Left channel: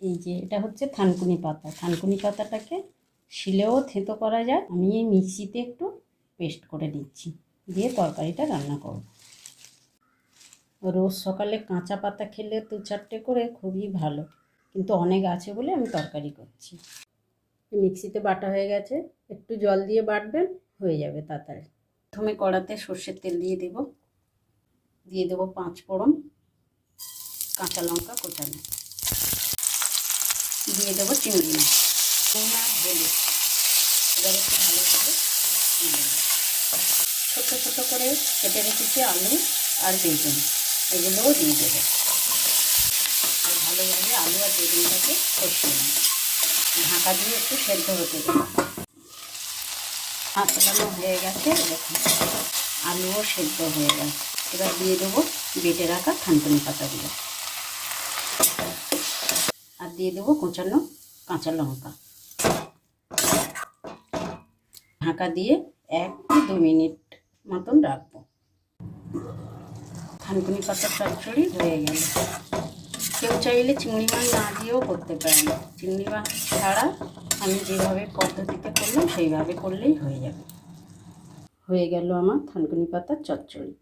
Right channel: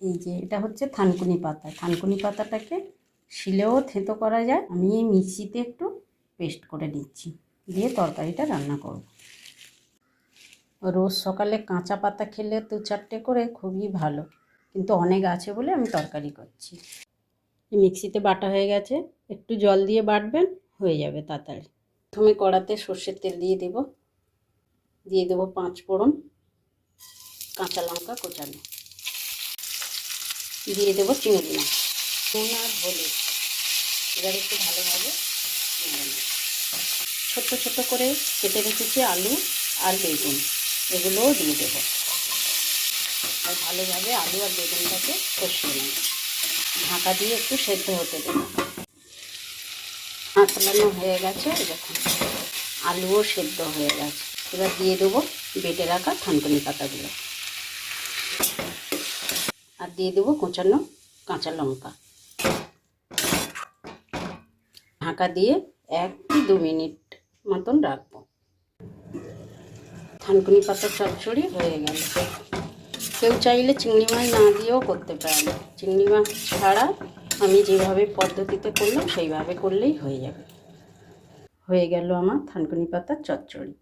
এই যে এটা হচ্ছে থানকুনি পাতা। থানকুনি পাতাটাকে শিলেও থেঁতো করা যায়। আমি এই মিক্সিতে একটু পেস্ট করে নিচ্ছি, দিয়ে তরকারিটা রান্না করব। রোজ সকালে কাঁচা পাতা খেলে 2-4টে করে খুবই ভালো, কিন্তু অনেক আছে বলে আমি তরকারি করছি। মিক্সিতে বাটা হয়ে গেছে, একটু জল দিয়ে বাটবেন, হয়ে যাবে তাড়াতাড়ি। প্রথমে কড়াতে সর্ষের তেল দিয়ে দেবো 5 ফোড়ন, কাঁচা লঙ্কা কোচানো, দিয়ে দেবো চিংড়ি মাছ, আর হলুদ। এবার একটু ভালোভাবে ছোট্ট ছোট্ট করে কেটে রেখেছি আলু আর বেগুন, এগুলোও দিয়ে দেবো। আর ভালোভাবে আলু আর বেগুনটাকে কষিয়ে নেব, ঢাকা দিয়ে একটু সেদ্ধ হতে দেবো। আঁচলানো হয়ে গেছে, দেখুন আলুও সেদ্ধ হয়ে গেছে। এবার দিয়ে দেবো বেটে রাখা থানকুনি পাতাগুলো, আর দিয়ে দেবো কোচানো কাঁচা লঙ্কা। ঢাকা দিয়ে 1-2 মিনিট মতন রাখবো। থানকুনি পাতার চচ্চড়ি হয়ে গেল। কেউ চাইলে চিংড়ি মাছ না দিয়েও করতে পারেন। চিংড়ি মাছ ছাড়া আমি যেভাবে পদ্ধতিতে করলাম সেইভাবে করলেই হয়ে যাবে। হয়ে গেল আমার থানকুনি পাতার চচ্চড়ি।